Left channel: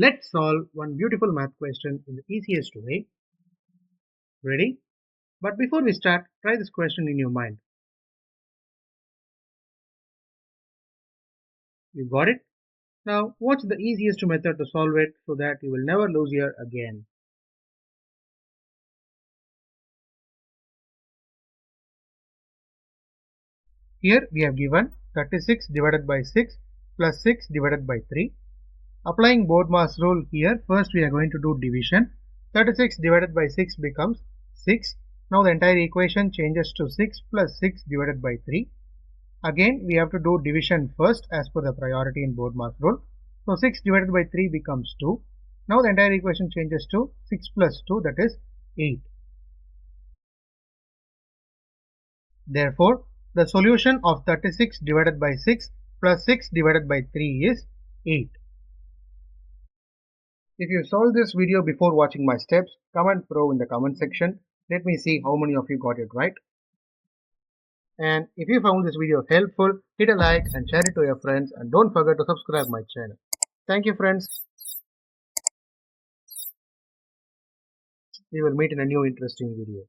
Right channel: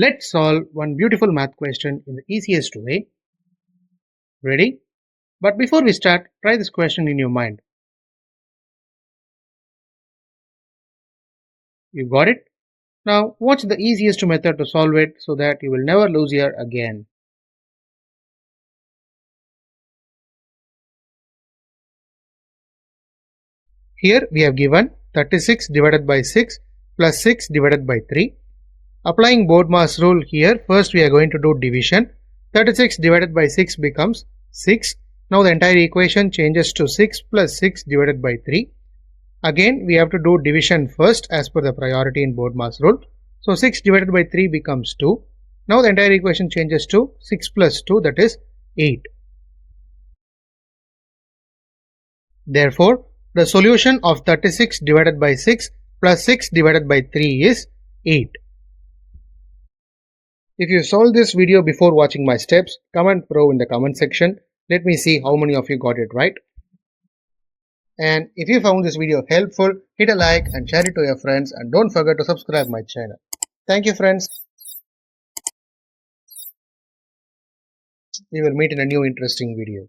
Let's solve one beautiful math question in the easiest way. Ready? But before we start, try this question in your mind. You got it? Now, what's the easiest method to solve it so that you will never lose here again? Here we have given 36 divided by 6 plus 6 divided by 3. Applying BODMAS rule here, first we are going to do division. 36 divided by 6 becomes 6. Now the entire equation changes to 6 plus 6 divided by 3. Again we have to do division first as per the priority in BODMAS rule. So 6 divided by 3 becomes 2. Now the entire equation changes to 6 plus 2, that is 8. Therefore, the solution of 36 divided by 6 plus 6 divided by 3 is 8. If you solved this video before watching my steps, comment pro in the comment section. Let me see how many of you got it right. And if you found this video helpful, hit a like and share it to your friends, and don't forget to subscribe my channel. Thank you friends. We will meet in a new interesting video.